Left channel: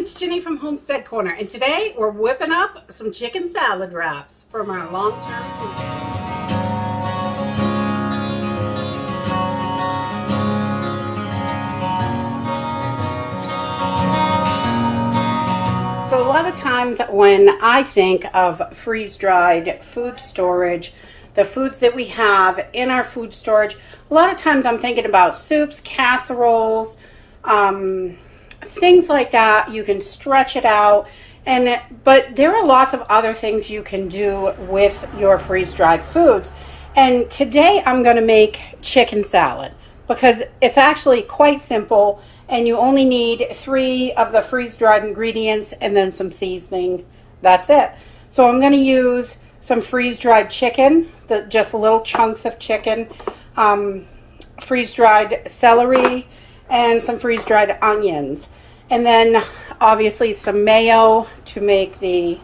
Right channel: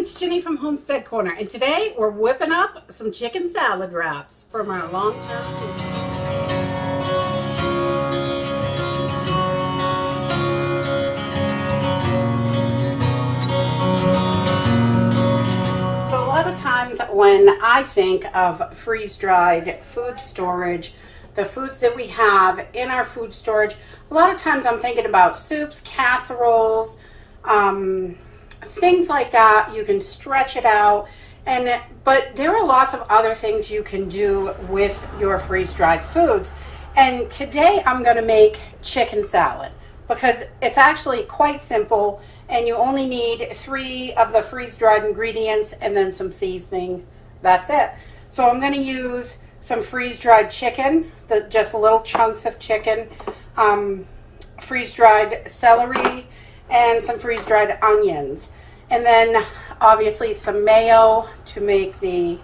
it's Jenny from Homestead Corner, and today we're whipping up some chicken salad wraps from our long-term food. So a lot of times when I think of freeze-dried food storage, the foods that we have in our food storage, a lot of times I'm thinking about soups, casseroles, things like that. You can stretch it out, but there are lots of other things you can do with your freeze-dried foods. And today I'm going to make chicken salad because it's actually quite simple, and you only need 3 of the freeze-dried ingredients and then some seasoning. That's it. So I'm going to use some freeze-dried chicken, just little chunks of chicken, freeze-dried celery, and some freeze-dried onions. And then obviously some mayo to make the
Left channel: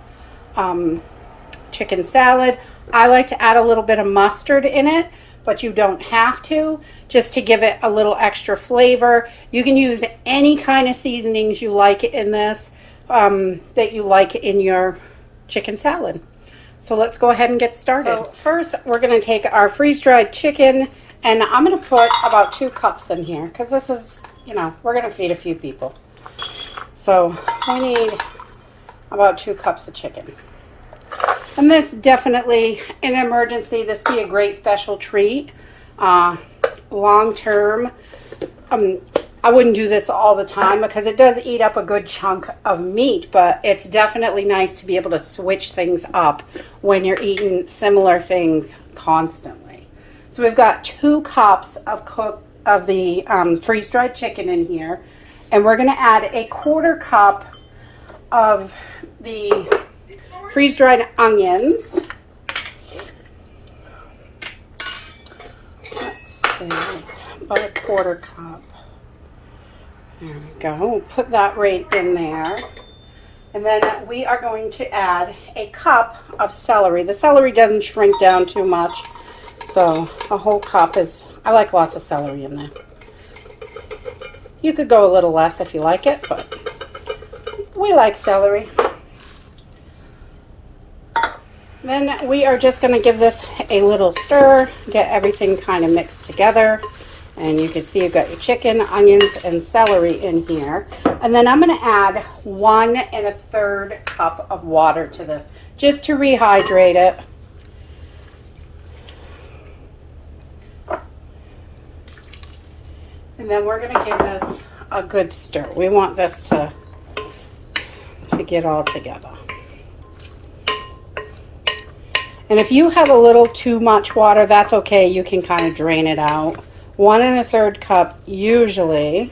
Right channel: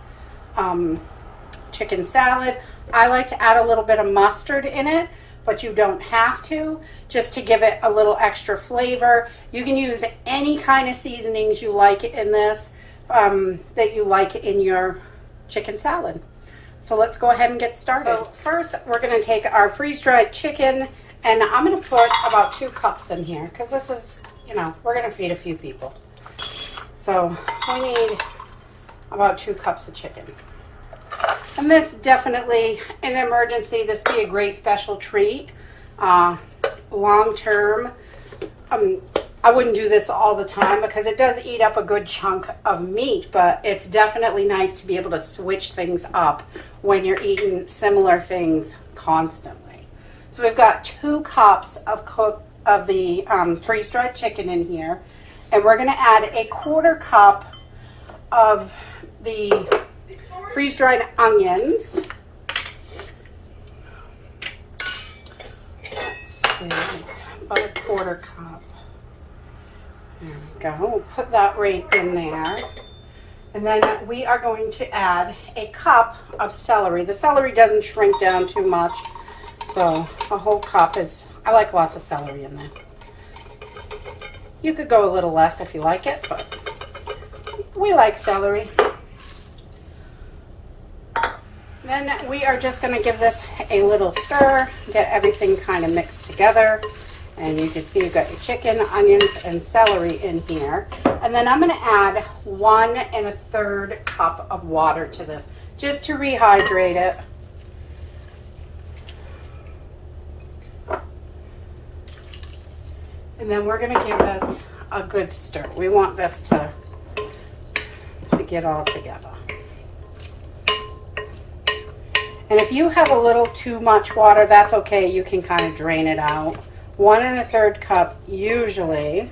chicken salad. I like to add a little bit of mustard in it, but you don't have to, just to give it a little extra flavor. You can use any kind of seasonings you like in this, that you like in your chicken salad. So let's go ahead and get started. So first, we're gonna take our freeze-dried chicken, and I'm gonna put about 2 cups in here, because this is, you know, we're gonna feed a few people. So we need about 2 cups of chicken. And this definitely, in an emergency, this be a great special treat. Long term, I wouldn't do this all the time because it does eat up a good chunk of meat, but it's definitely nice to be able to switch things up when you're eating similar things constantly. So we've got 2 cups of the freeze-dried chicken in here, and we're going to add a 1/4 cup of the freeze-dried onions. Let's see, about a 1/4 cup. There we go. We'll put that right in there. And then we are going to add a cup of celery. The celery doesn't shrink down too much, so a whole cup is, I like lots of celery in there. You could go a little less if you like it, but we like celery. Then we are just going to give this a little stir, get everything kind of mixed together. And you can see you've got your chicken, onions, and celery in here. And then I'm going to add 1 1/3 cup of water to this, just to rehydrate it. And then we're going to give this a good stir. We want this to get all together. And if you have a little too much water, that's okay. You can kind of drain it out. 1 1/3 cup usually,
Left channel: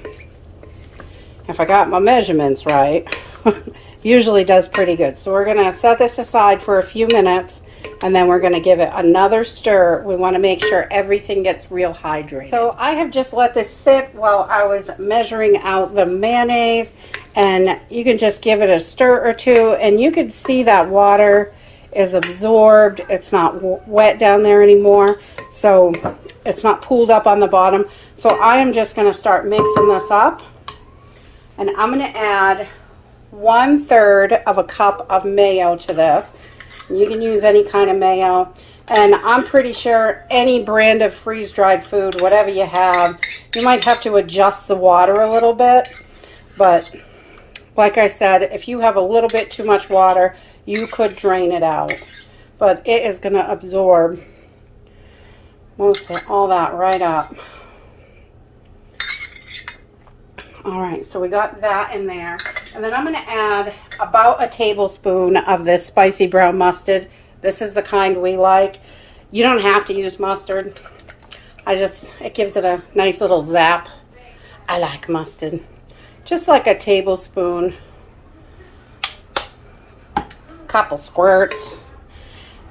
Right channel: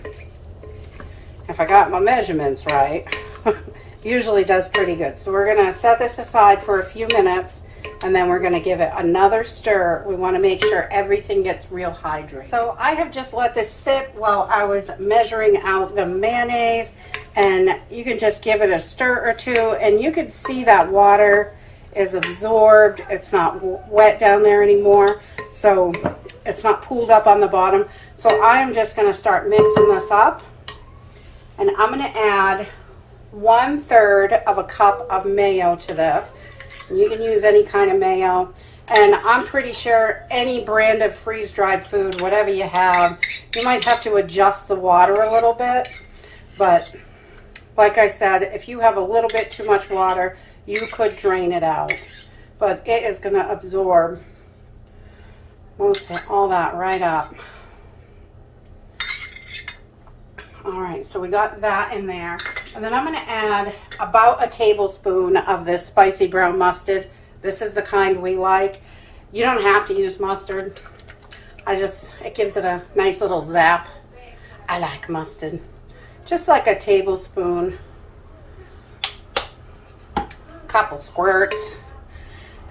if I got my measurements right, usually does pretty good. So we're gonna set this aside for a few minutes, and then we're gonna give it another stir. We wanna make sure everything gets real hydrated. So I have just let this sit while I was measuring out the mayonnaise, and you can just give it a stir or two, and you could see that water is absorbed. It's not wet down there anymore, so it's not pooled up on the bottom. So I am just going to start mixing this up, and I'm going to add 1/3 of a cup of mayo to this. You can use any kind of mayo, and I'm pretty sure any brand of freeze-dried food, whatever you have, you might have to adjust the water a little bit, but like I said, if you have a little bit too much water, you could drain it out, but it is going to absorb most of all that right up. All right, so we got that in there. And then I'm going to add about a tablespoon of this spicy brown mustard. This is the kind we like. You don't have to use mustard. It gives it a nice little zap. I like mustard. Just like a tablespoon. Couple squirts,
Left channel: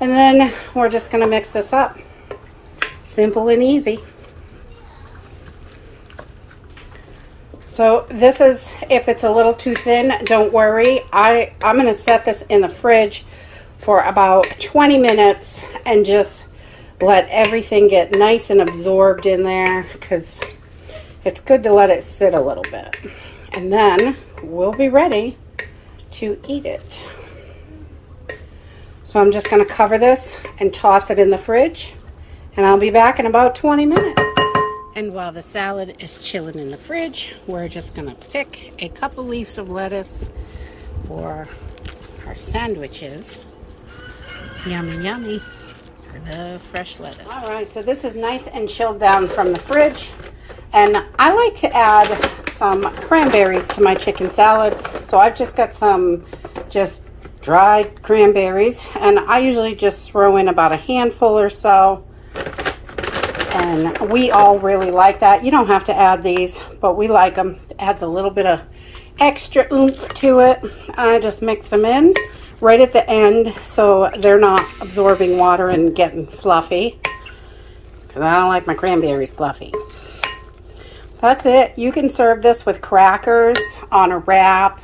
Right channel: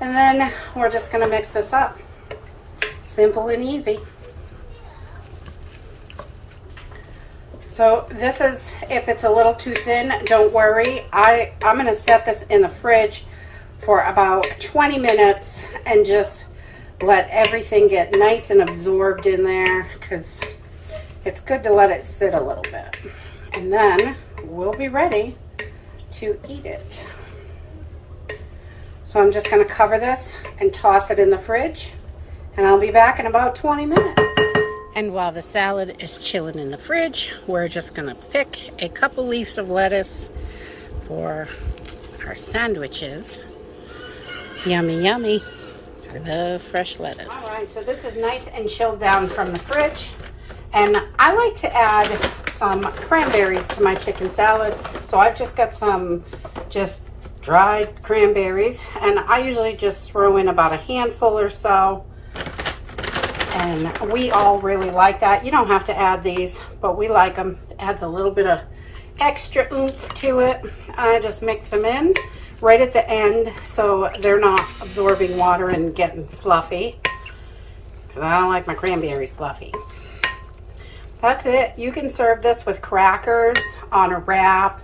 and then we're just going to mix this up. Simple and easy. So this is, if it's a little too thin, don't worry. I'm going to set this in the fridge for about 20 minutes and just let everything get nice and absorbed in there, because it's good to let it sit a little bit. And then we'll be ready to eat it. So I'm just going to cover this and toss it in the fridge, and I'll be back in about 20 minutes. And while the salad is chilling in the fridge, we're just going to pick a couple leaves of lettuce for our sandwiches. Yummy, yummy. I love fresh lettuce. All right, so this is nice and chilled down from the fridge. And I like to add some cranberries to my chicken salad. So I've just got some just dried cranberries, and I usually just throw in about a handful or so, and we all really like that. You don't have to add these, but we like them. It adds a little bit of extra oomph to it, and I just mix them in right at the end so they're not absorbing water and getting fluffy, because I don't like my cranberries fluffy. That's it. You can serve this with crackers, on a wrap,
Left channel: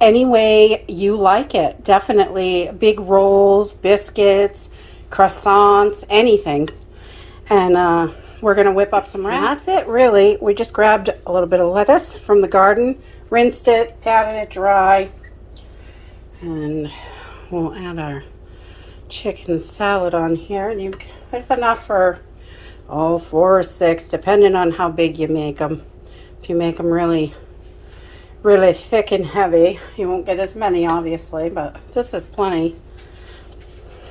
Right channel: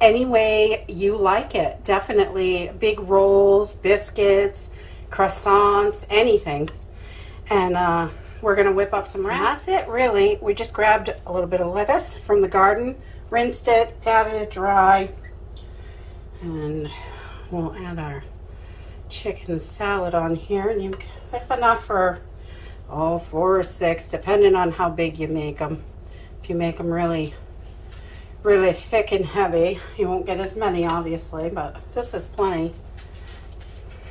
any way you like it. Definitely big rolls, biscuits, croissants, anything. And we're gonna whip up some wraps. And that's it, really. We just grabbed a little bit of lettuce from the garden, rinsed it, patted it dry, and we'll add our chicken salad on here. And there's enough for 4 or 6, depending on how big you make them. If you make them really thick and heavy, you won't get as many, obviously, but this is plenty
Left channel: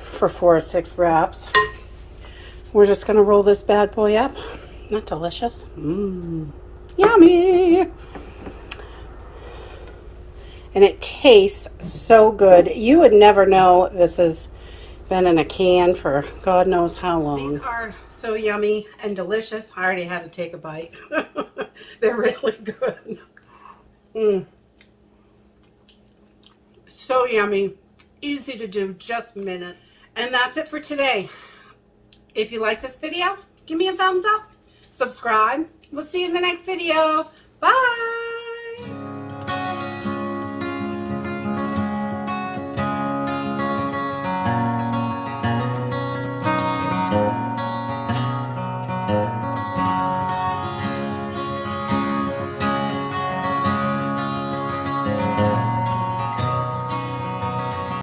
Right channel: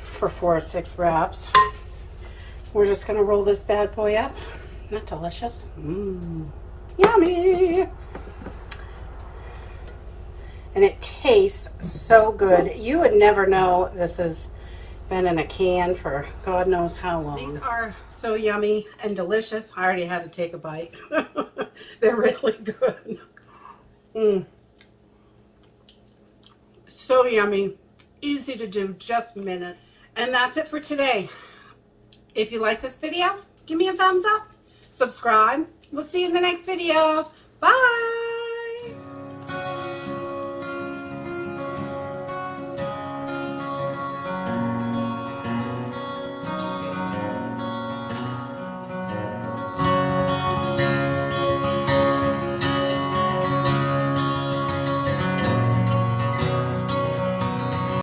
for 4 or 6 wraps. We're just gonna roll this bad boy up. Not delicious? Yummy! And it tastes so good. You would never know this has been in a can for God knows how long. These are so yummy and delicious. I already had to take a bite. They're really good. So yummy, easy to do, just minutes. And that's it for today. If you like this video, give me a thumbs up, subscribe. We'll see you in the next video. Bye.